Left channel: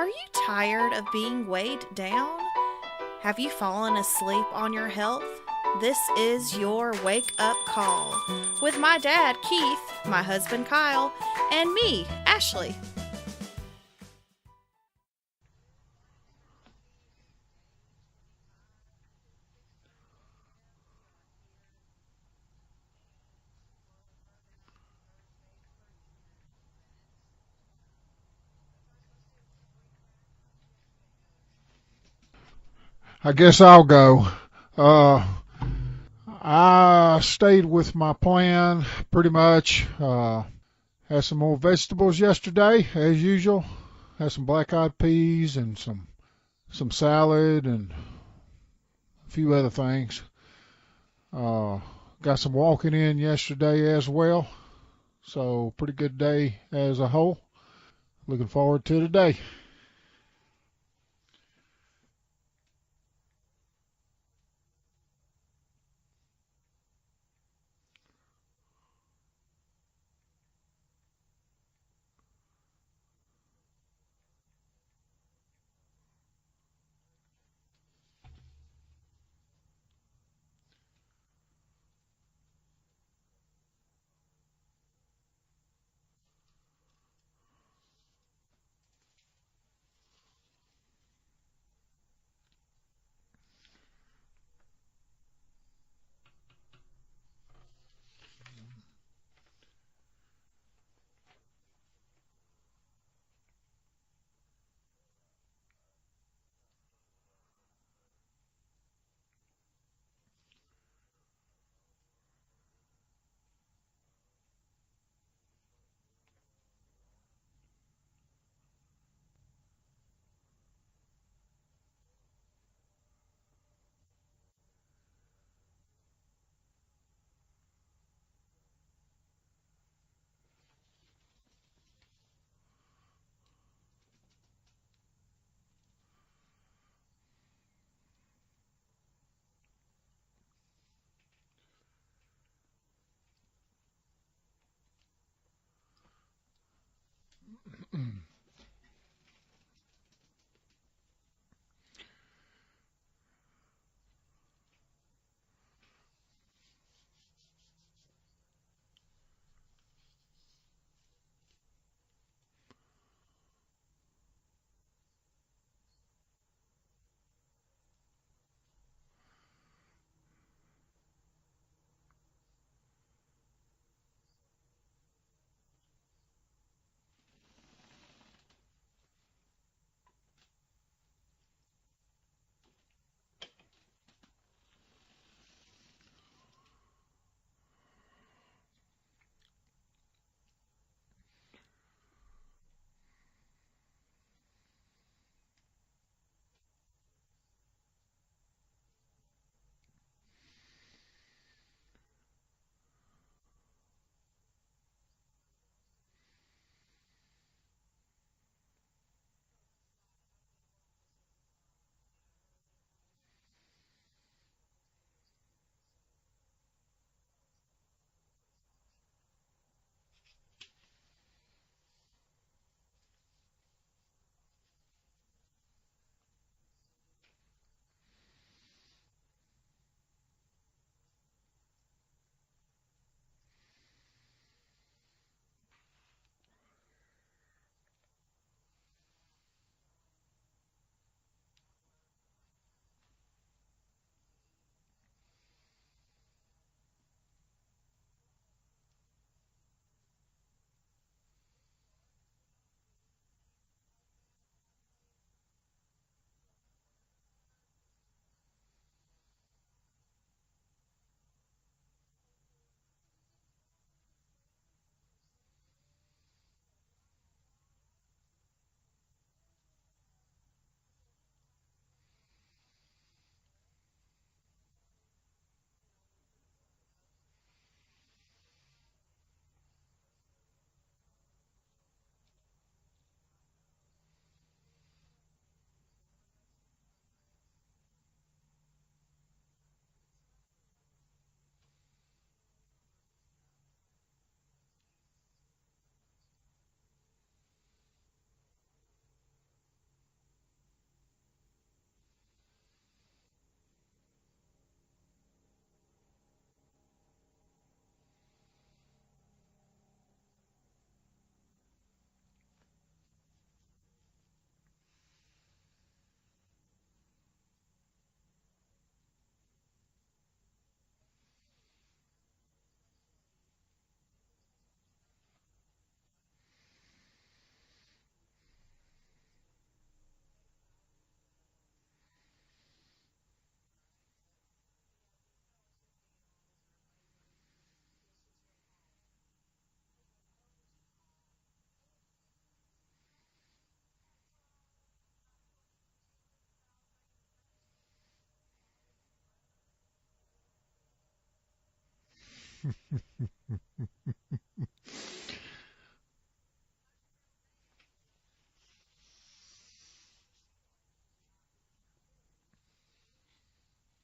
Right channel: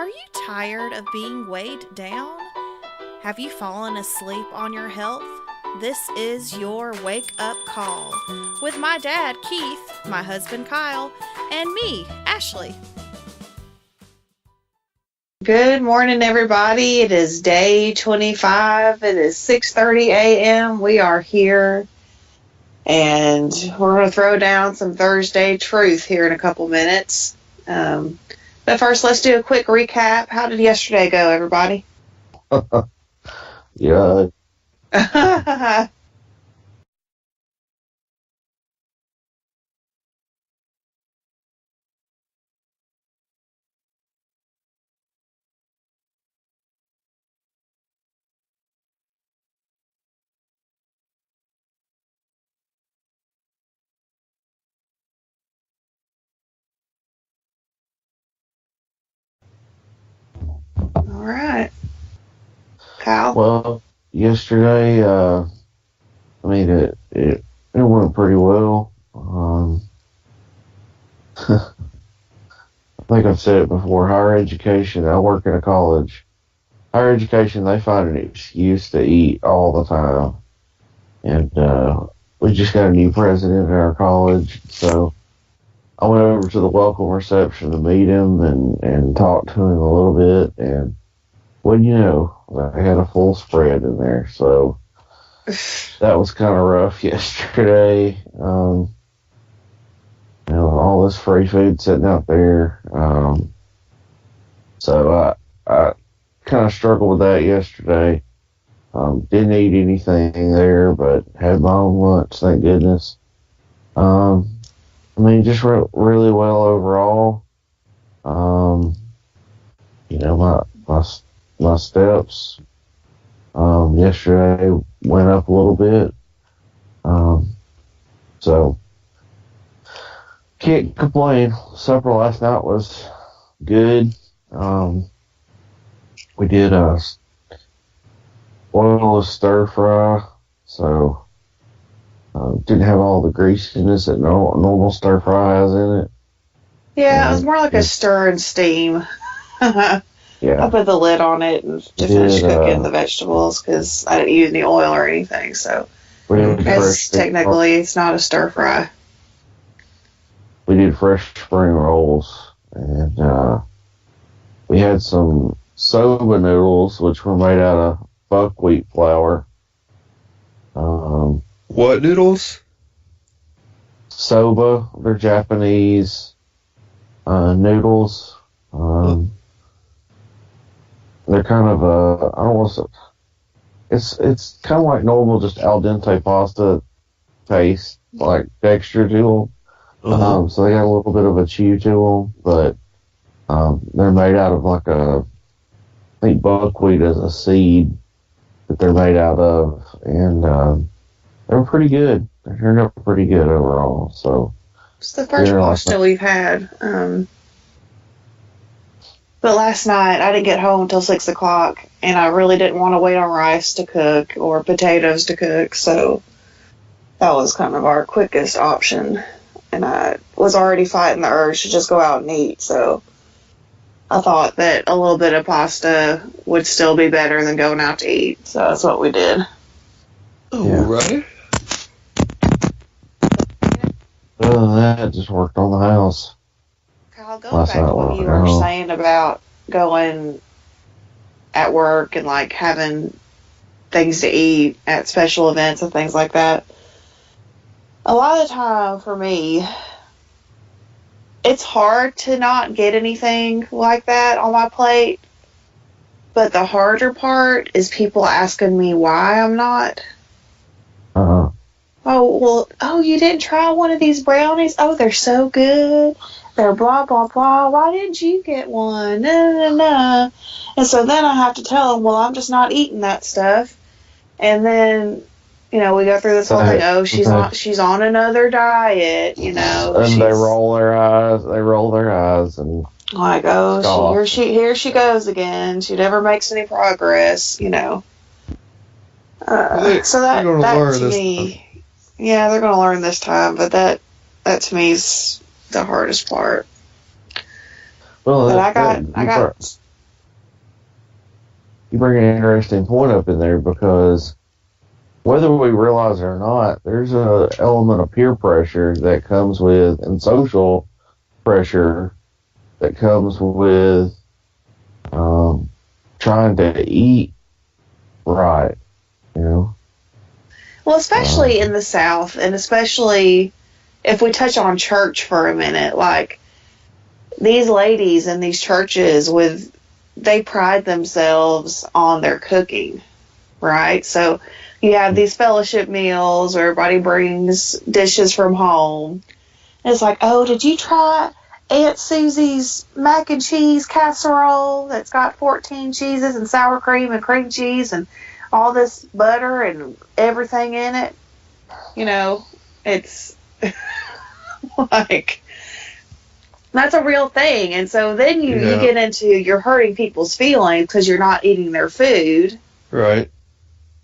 Are you tired of being weighed down? Have you fallen asleep on your health? This is your wake up call with my dad, Keith, my husband, Kyle, and me, Ashley. Good morning, everybody. It is day 25. It is 6:30 a.m. We are here, and we're going to throw down some Thursday truth here in a couple minutes. But first, let's do a quick recap. How did yesterday go, everybody? I guess I'll go. Yeah. I stayed with my plan pretty much. Had some more vegetables yesterday, as usual. Had some black-eyed peas and some salad and a few other things. Got some walking in yesterday as well. So pretty good day as a whole. Looking forward to today. All right. Kyle? Well, yesterday, it went pretty well. I think I've said it before. Higher education. I work in a college. Higher education, they find an excuse to eat all the time, and we just got a new president in our college, so I went over to the welcome reception to meet him and talk to him a little bit, and well, I had a full spread in there, so that was kind of rough yesterday. All this free food sitting out there. So I kind of struggled with that yesterday. Didn't eat anything there, but had my own lunch, thank goodness. Just really well overall. My steps yesterday went up a little bit. So can't complain. Supper last night was good. We did a oilless stir fry, so didn't have all the greasiness that normal stir fry has in it. Yeah, it was more like a stir and steam. Yeah. I put the lid on it and to finish cooking the vegetables because I didn't use any oil or anything. So technically it's not a stir fry. We did fresh spring rolls, and we had some soba noodles, which were made out of buckwheat flour. What noodles? Soba, they're Japanese noodles. They're kind of I don't want to. It's kind of like normal, just al dente pasta taste, like texture to them. Uh-huh. So they got a little bit of a chew to them, but they're made out of I think buckwheat is a seed that they're made out of, and they're pretty good. They turned out pretty good overall. So It's the first pasta we've had. But last night I didn't get home until 6 o'clock, and I really didn't want to wait on rice to cook or potatoes to cook, so that was kind of our quickest option. And I was already fighting the urge to just go out and eat, so I thought that a little bit of pasta would still be better than going out to eat, so that's what we did. All right. Other than that, just worked on the house. Kyle, going back to what you were saying about going at work and like having things to eat at special events and things like that. A lot of the time for me, it's hard to not get anything like that on my plate. But the harder part is people asking me why I'm not. You didn't try one of these brownies? Oh, they're so good. They're blah, blah, blah. Why didn't you get one? No, no, no. And so then I have to tell them, well, I'm just not eating that stuff. And then, we go through this whole thing. Oh, she's on another diet, And they roll their eyes, and like, oh, here she goes again. She never makes any progress, So that to me, yeah, they're going to learn this time. But that to me is the hardest part. Well, but I got you bring an interesting point up in there, because whether we realize it or not, there's an element of peer pressure that comes with, and social pressure that comes with trying to eat right, you know? Well, especially in the South, and especially if we touch on church for a minute, like these ladies in these churches they pride themselves on their cooking, right? So you have these fellowship meals where everybody brings dishes from home. And it's like, oh, did you try Aunt Susie's mac and cheese casserole that's got 14 cheeses and sour cream and cream cheese and all this butter and everything in it? You know, it's like, that's a real thing. And so then you get into, you're hurting people's feelings because you're not eating their food. Right.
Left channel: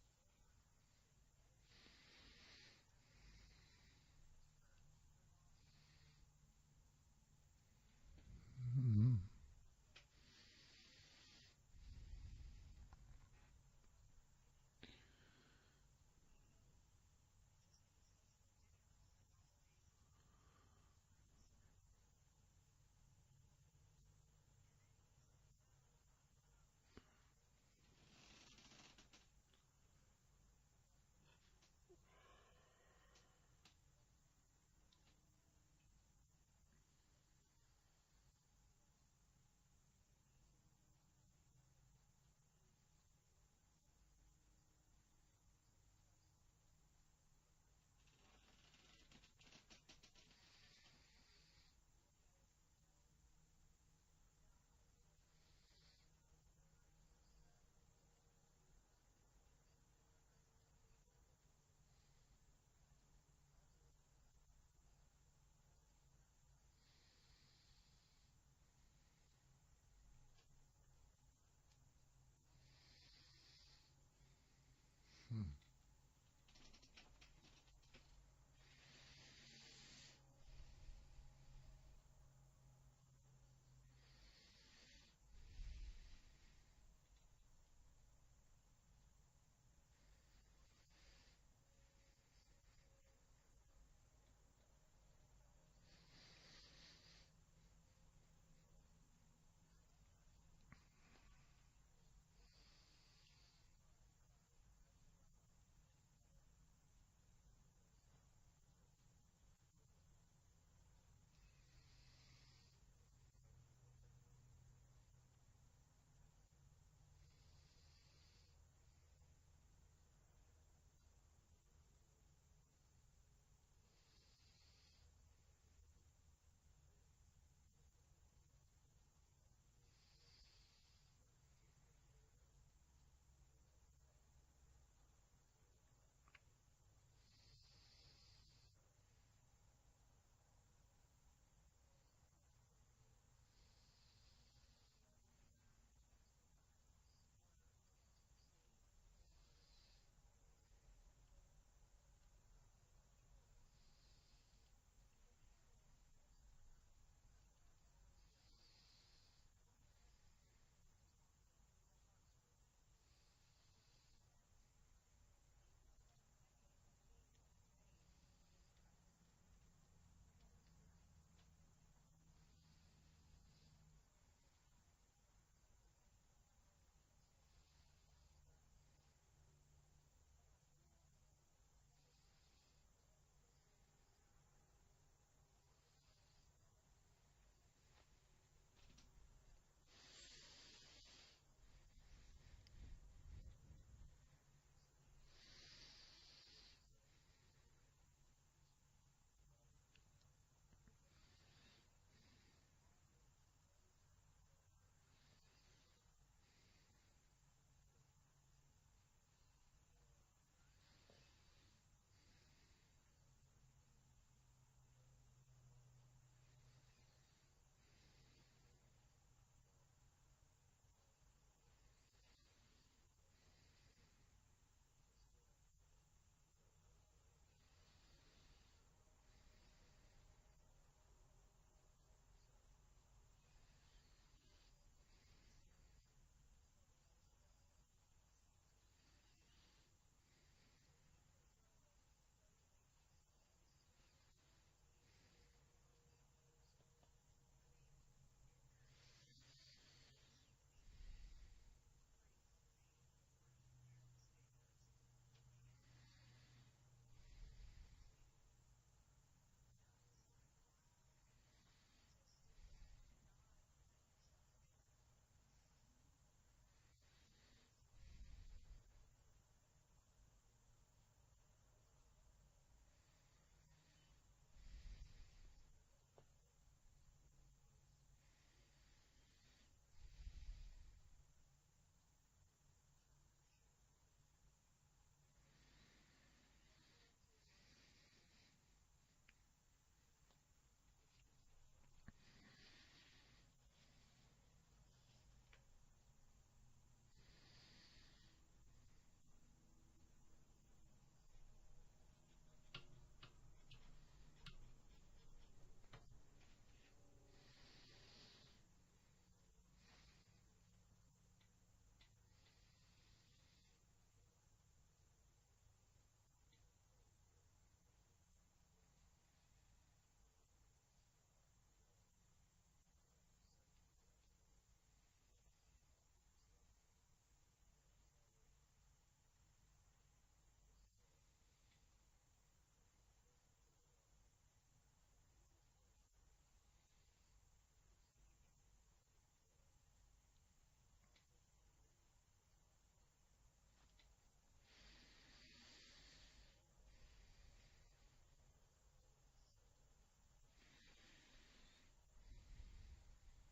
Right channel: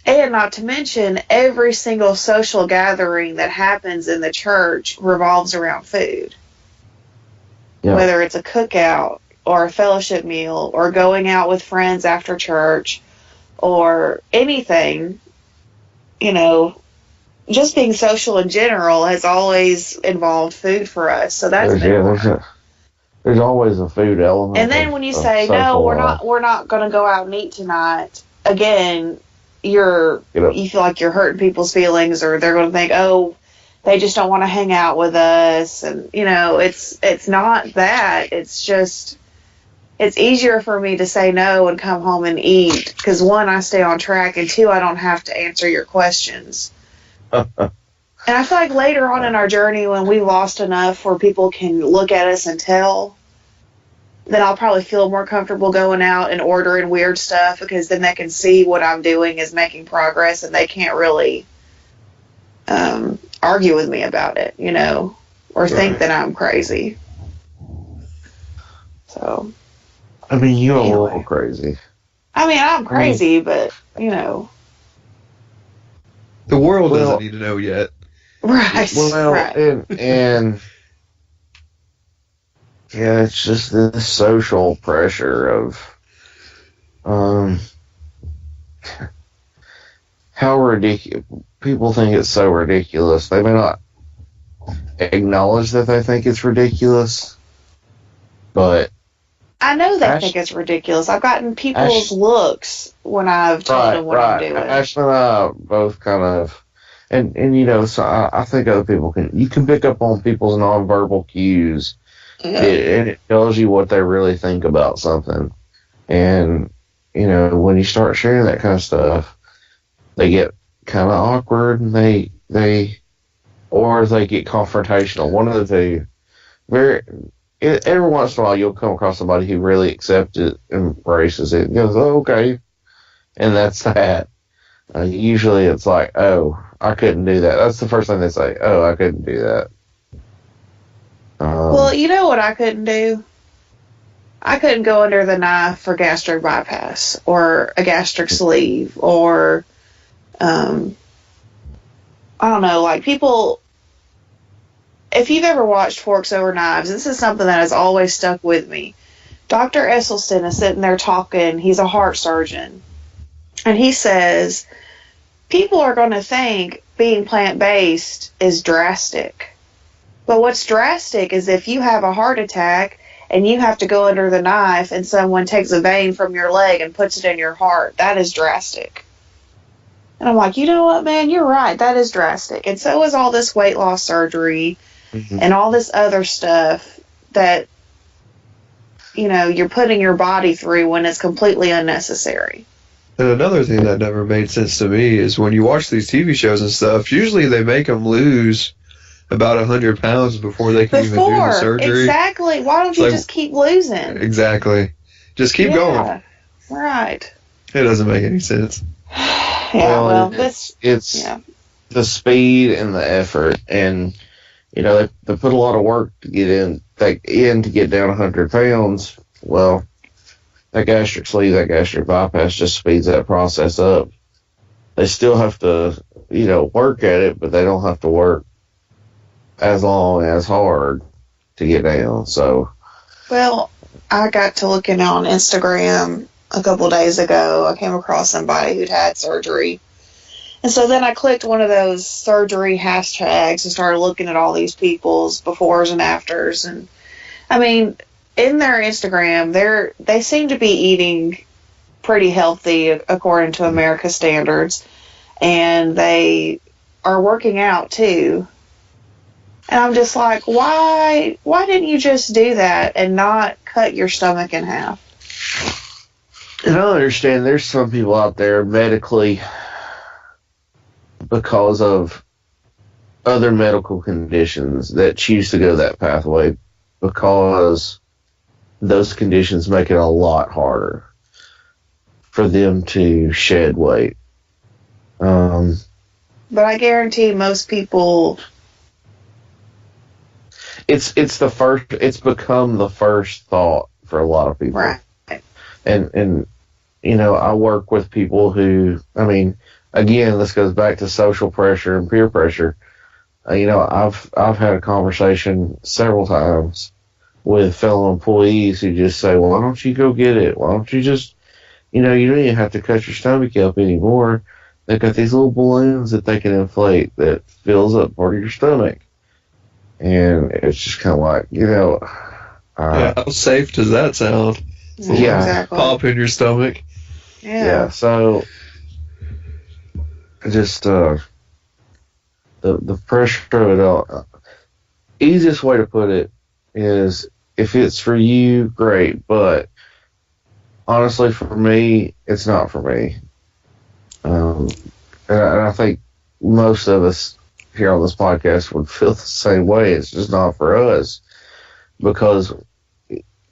And not to mention, every single social gathering that happens in the church revolves around food. Yeah. Whether it's a cookout or a fellowship meal or going out with friends after church or anything, you know, just being social in general has always involved food for us. So that's there's always a food element. And then when you say, no, we're not going to go out and eat tonight, again, you feel like you're hurting people's feelings, or they're going to think, oh, they just don't want to hang out with us. And, you know, it's not that. It's just, it's easier for me to say no and come home and eat because, one, I stay on track, and two, I don't have to answer your questions. And I feel like later on in our journey, when we lost enough where people can look at us and tell, then I'll probably feel more comfortable going out and ordering weird stuff, because then they can see what I'm doing is making progress, and they can't really argue with me about it, you know, or think that I'm crazy. So. I mean, you're a little crazy. I mean, I'm crazy, but, you know. The world doesn't need to know yet. Right. Well, right. And yeah, it's just this social pressure of how ridiculous people think it's so ridiculous. They may not acknowledge that they think it's ridiculous, but I know they think it's ridiculous. I've gotten people's looks when I've told them what I'm doing. Ashley and I both kind of, and you know, so I think other people you can pick up on people's nonverbal cues, and it tells you what they really think about something. And, you know, when you start sharing that kind of stuff, they get kind of awkward, and they get confrontational. One of the two. Every once in a while, you'll come across somebody who really accepts it, embraces it, and goes, oh, okay. And that's that. Usually it's like, oh, I couldn't do that. That's the first thing they say. Oh, I couldn't do that. Well, you know what I couldn't do? I couldn't go under the knife for gastric bypass or a gastric sleeve or, I don't know, like people... If you've ever watched Forks Over Knives, this is something that has always stuck with me. Dr. Esselstyn is sitting there talking. He's a heart surgeon. And he says, people are going to think being plant-based is drastic. But what's drastic is if you have a heart attack and you have to go under the knife and someone takes a vein from your leg and puts it in your heart. That is drastic. And I'm like, you know what, man? You're right. That is drastic. And so is all this weight loss surgery. Mm-hmm. And all this other stuff that, you know, you're putting your body through when it's completely unnecessary. And another thing that never made sense to me is when you watch these TV shows and stuff, usually they make them lose about 100 pounds before they can even do the surgery. Exactly. Why don't you just keep losing? Exactly. Just keep going. Right. It doesn't make any sense. It's the speed and the effort, and you know, they put a lot of work to get to get down 100 pounds. Well, that gastric sleeve, that gastric bypass just speeds that process up. They still have to, you know, work at it, but they don't have to work as long, as hard to get down. So, well, I got to looking on Instagram a couple days ago. I came across somebody who'd had surgery. And so then I clicked one of those surgery hashtags and started looking at all these people's befores and afters. And I mean, in their Instagram, they seem to be eating pretty healthy according to America's standards, and they are working out too. And I'm just like, why didn't you just do that and not cut your stomach in half? And I understand there's some people out there medically, because of other medical conditions, that choose to go that pathway because those conditions make it a lot harder for them to shed weight. But I guarantee most people, it's become the first thought for a lot of people. right? And you know, I work with people who, I mean, again, this goes back to social pressure and peer pressure. You know, I've had a conversation several times with fellow employees who just say, "Well, why don't you go get it? Why don't you just, you know, you don't even have to cut your stomach up anymore. They've got these little balloons that they can inflate that fills up part of your stomach." And it's just kind of like, you know, Yeah, how safe does that sound? Yeah. Exactly. Pop in your stomach. Yeah. So just the pressure of it all. Easiest way to put it is, if it's for you, great. But honestly, for me, it's not for me. And I think most of us here on this podcast would feel the same way. It's just not for us, because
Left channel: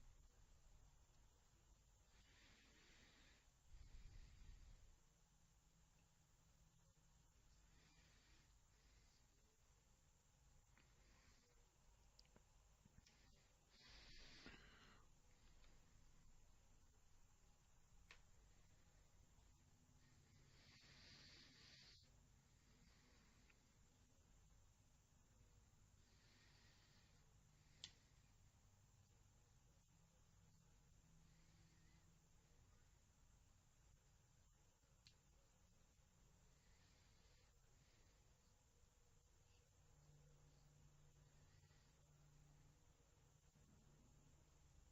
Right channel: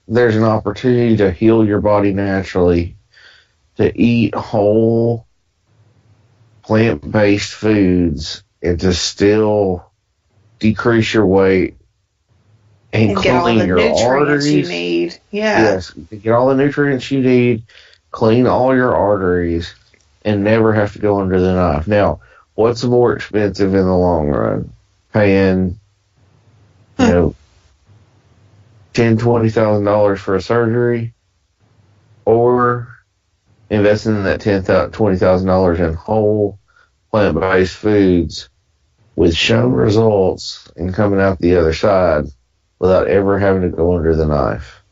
there's an opportunity to heal your body naturally, to eat whole plant-based foods, and to still decrease your weight and get all the clean your nutrients arteries. you need. Yeah. Yes, get all the nutrients you need, clean all your arteries, and never have to go under the knife. Now, what's more expensive in the long run? Paying, you know, $10,000-$20,000 for a surgery, or investing in that $20,000 in whole plant-based foods with shown results and coming out the other side without ever having to go under the knife.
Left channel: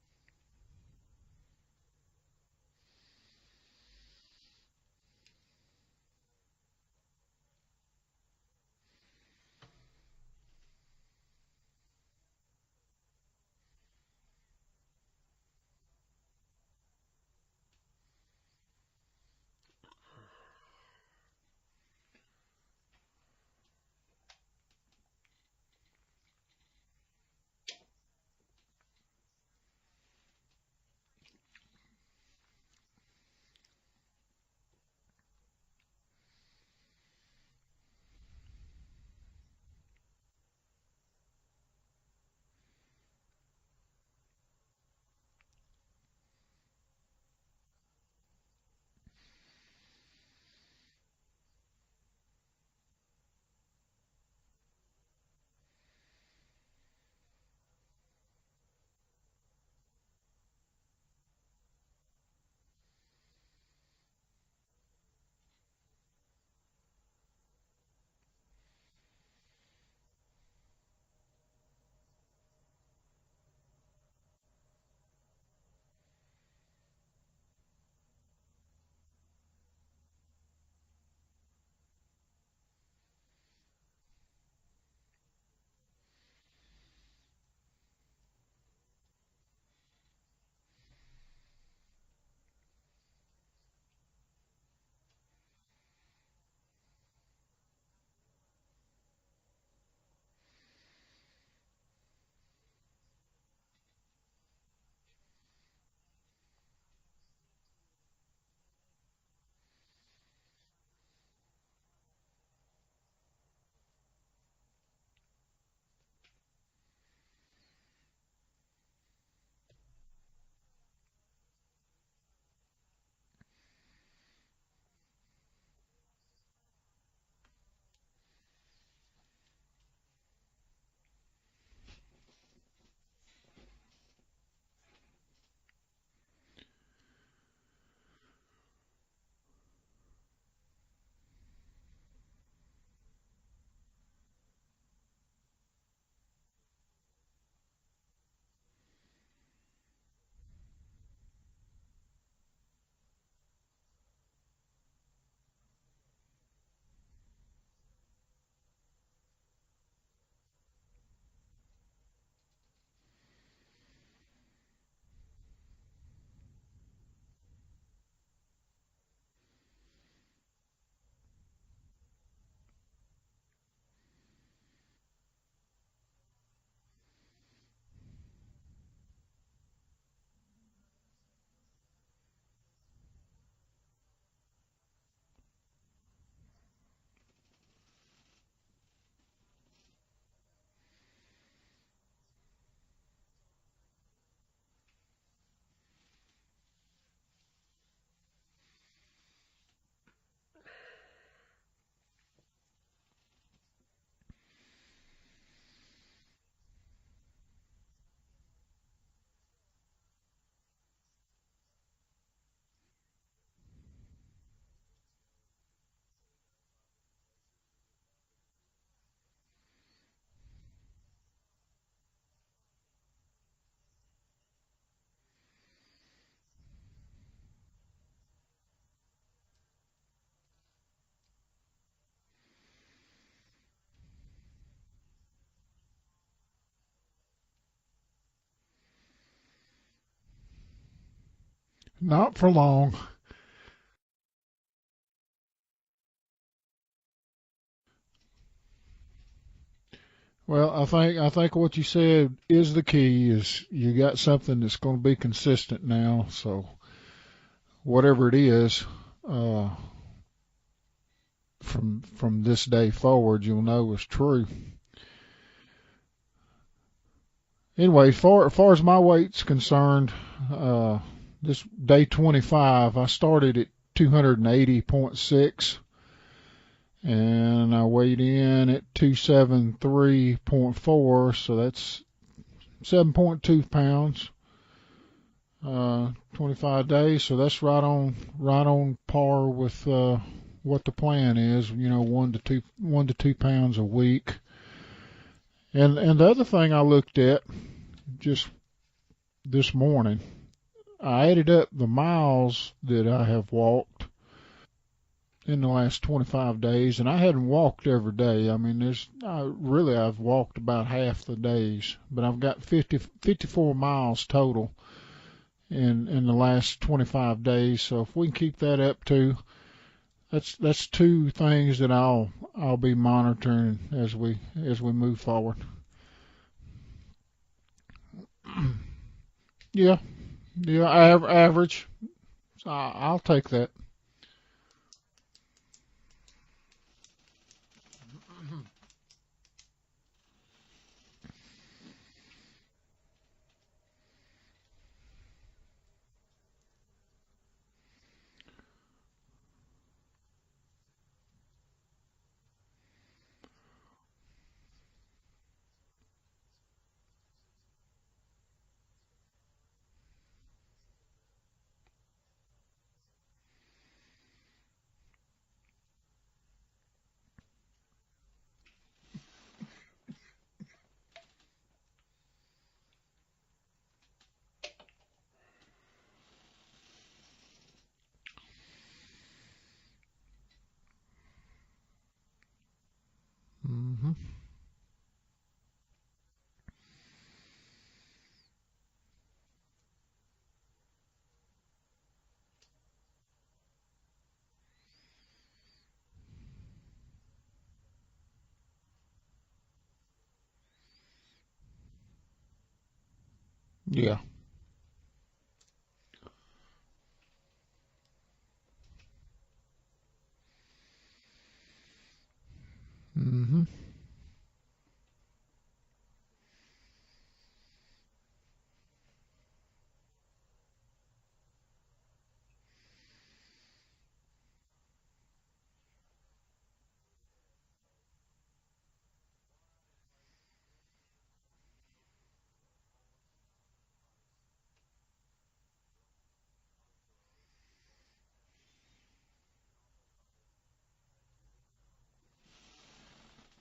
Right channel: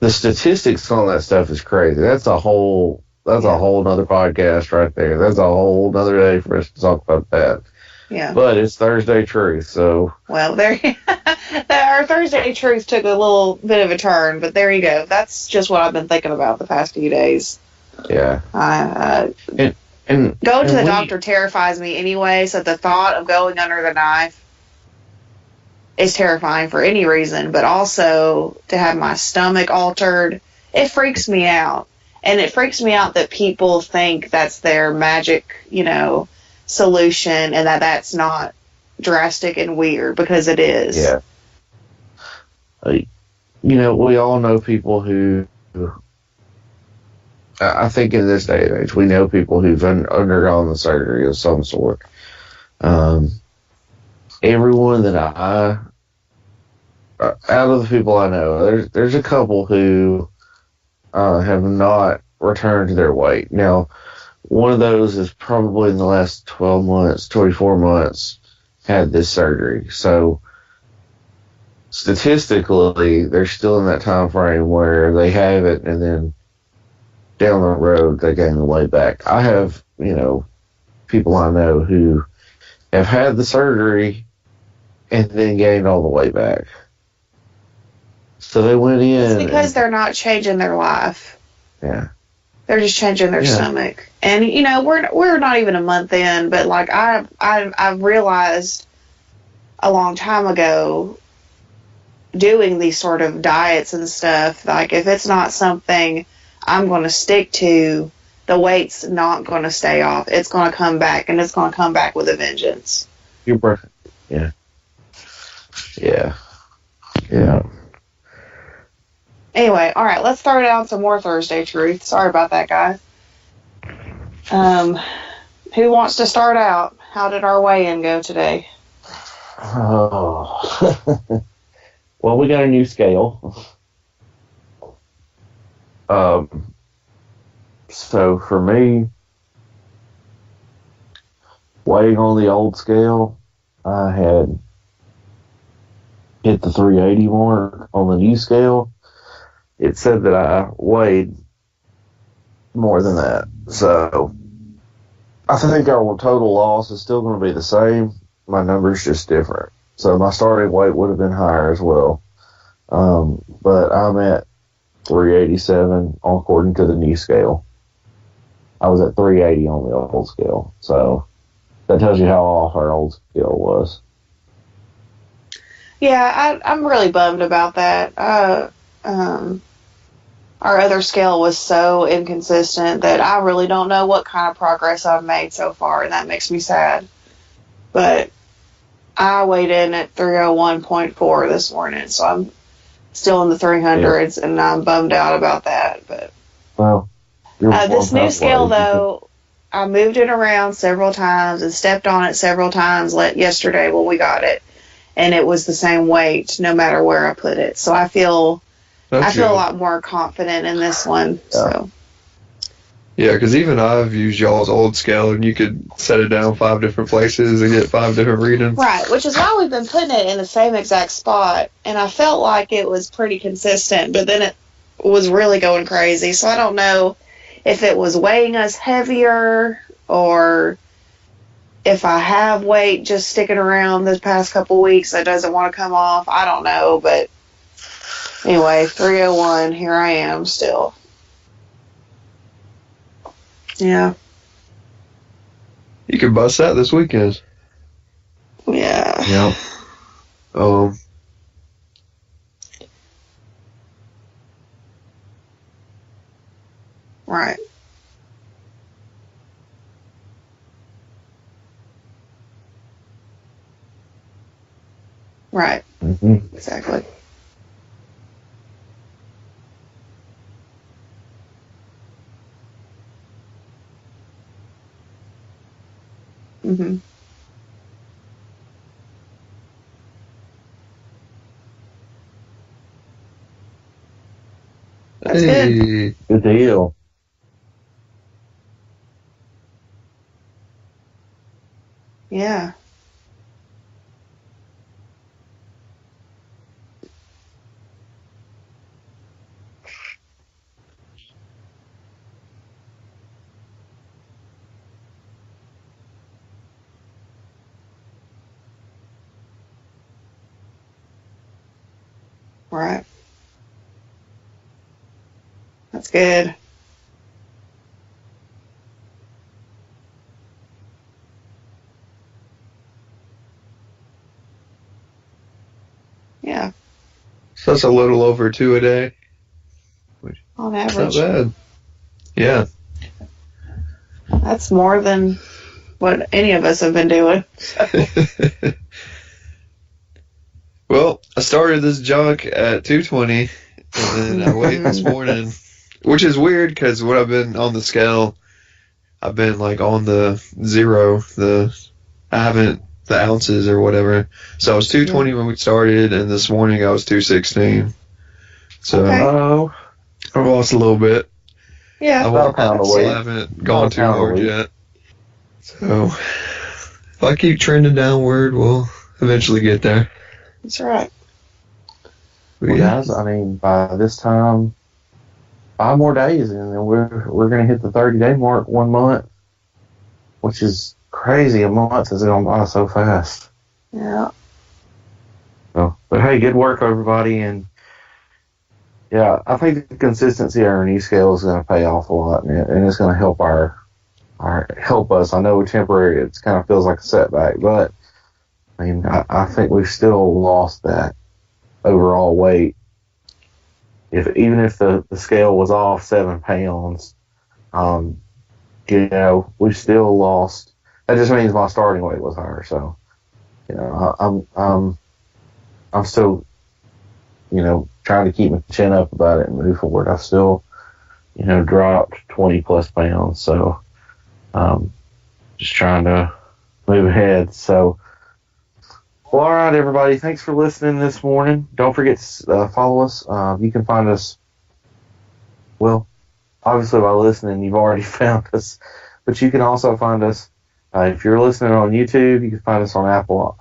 The statistics on that stuff is crazy. That's a whole nother podcast right there. That's a whole nother day for us to talk about that. Yeah. But it's Thursday Truth, so. Well, there, our Thursday truth took a little bit of a turn, but there you go. That's just what I've been thinking about the past few days. Yeah. And going to the doctor terrifies me anyway, so the thought of going under the knife is terrifying for any reason, but also to have my stomach altered, it freaks me out. And it freaks me out that people think that's their magic, you know, solution, and that's not drastic and weird, because it is. Yeah. You know, we all know people who, I think in this day and age, we know people who've undergone the surgery of some sort. Everyone that out of the people I know, there's a couple who have not returned to their weight. Now, one of those is probably in the last 12 months, 24 months, had this surgery. So statistically, they're still in that time frame where they have it, and then down the road they gain the weight back. I have, you know, people I know who have had the surgery and then gained all the way back. So they went in. It's because they're not changing their life. Yeah. They're just changing their stomach. And, you know, we're not even a month in, but, like, I've realized a long time ago, doing these sort of diets and stuff, like, if it's not something I'm going to stick to, the weight's not going to stay off. It's going to come back, and it's going to come back with a vengeance. You're perfect. Yeah. Yeah. Yeah. Anyway, all right, let's throw down some more Thursday truth. Sorry about that, guys. Who wants to start out? How did our weigh-in go today? Oh. Well, we got a new scale. So for me, weighing on the old scale, I had hit the 380 mark. On the new scale, it said that I weighed more than that. So I think our total loss is still going to be the same. My number's just different. So my starting weight would have been higher as well. But I'm at 387 according to the new scale. I was at 380 on the old scale. So that tells you how off our old scale was. Yeah, I'm really bummed about that. Our other scale was so inconsistent that I really don't know what kind of progress I've made so far, and that makes me sad. But I weighed in at 301.4 this morning, so I'm still in the 300s, and I'm bummed out about that. But well, this new scale, though, I moved it around several times and stepped on it several times yesterday when we got it, and it was the same weight no matter where I put it. So I feel a lot more confident in this one. Yeah. So. Yeah, because even I've used y'all's old scale, and you could set it down 5 different places and get 5 different readings. Right, which is why we've been putting it in the same exact spot, and I felt like it was pretty consistent, but then it was really going crazy. So I don't know if it was weighing us heavier or if I have weight just sticking around the past couple weeks that doesn't want to come off. I don't know, but anyway, 301, here I am still. Not for long. Yeah. You could bust that this weekend. Yeah. Yep. Well, I think what you said is the key. Is you got something that's going to be consistent now. So, Right. whatever it is, from this day forward, you'll know is true. Right. Mm-hmm. Exactly. Anyway, as far as my weight's concerned, this day 25, I started at 280.6. Mm-hmm. And I weighed in at 273.4, so that's 7.2 pounds. That's good. Good deal. Day, so that's right on par with what the plan is. You know, 1 to 2 pounds a week. And the other thing I looked at just this morning, I added up the miles that I have walked in the last 25 days, and I hadn't walked every day. I mean, I've walked about half the days, but I've got 54 miles total in the last 25 days. So if we can keep that up too, that's 2 things that I'll be monitoring as we move forward. Yeah. So that's a little over 2 a day. Yeah. On Average. Yeah. I'll take that. That's more than what any of us have been doing. Well, I started this junk at 220, and then I weighed this morning, which is weird because when I've been on the scale, I've been like on the 0, I haven't the ounces or whatever. So I was 220 when we started, and this morning I was 216. So I've lost a little bit. Yeah. I haven't gone too hard yet. So if I keep trending downward, we'll eventually get there. That's right. Well, guys, I mean, by this time, 5 more days, and then we're going to hit the 30-day mark 1 month, which is crazy. A month is going by so fast. Yeah. So, but hey, good work, everybody, and yeah, I think the consistency of our new scale is going to pay off a lot, and it's going to help help us. I know temporary, it kind of feels like a setback, but I mean, I think we've still lost that overall weight. Yeah. Even if the scale was off 7 pounds, you know, we still lost. That just means my starting weight was higher. So, you know, I'm still, you know, trying to keep my chin up about it and move forward. I've still, you know, dropped 20 plus pounds. So, just trying to move ahead. So, well, all right, everybody. Thanks for listening this morning. Don't forget to follow us. You can find us. Well, obviously by listening, you've already found us. But you can also find us, if you're listening on YouTube, you can find us on Apple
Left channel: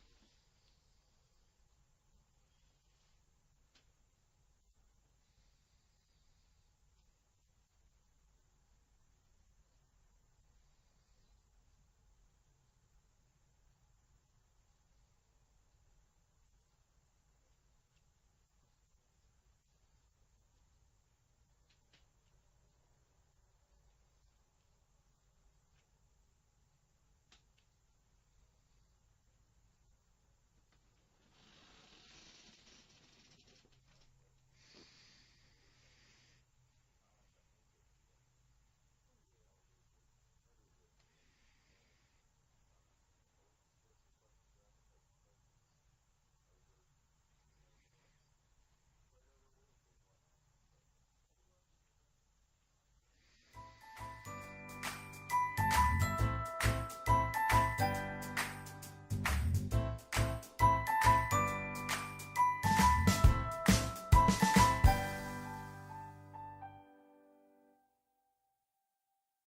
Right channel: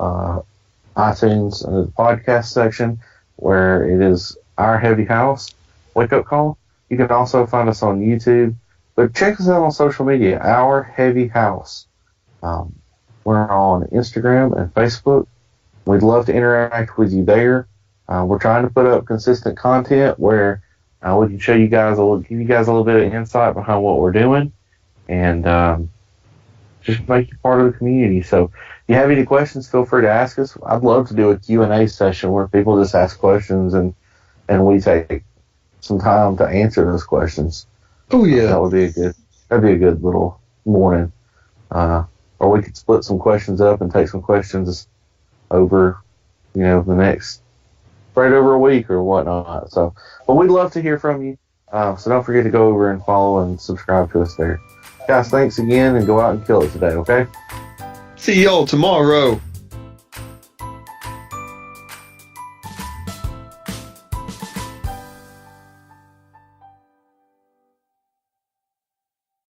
iTunes under the podcast section, where it is Our Heavy House Wake Up Call. You can also find us on YouTube, but check us out on social media, Our Heavy House. We're on Instagram and Facebook. We'd love to interact with you there. We're trying to put up consistent content where we can show you guys give you guys a little bit of insight behind what we're doing, and just make you part of the community. So if you have any questions, feel free to ask us. I'd love to do a Q&A session where people just ask questions and we take some time to answer those questions. Oh yeah, that'd be a good little morning. Or we could split some questions up and take some questions over, the next right over a week or whatnot. So, but we'd love to hear from you. So don't forget to go over and follow and subscribe to us there. Guys, thanks again, and go out and kill it today, okay? see y'all tomorrow.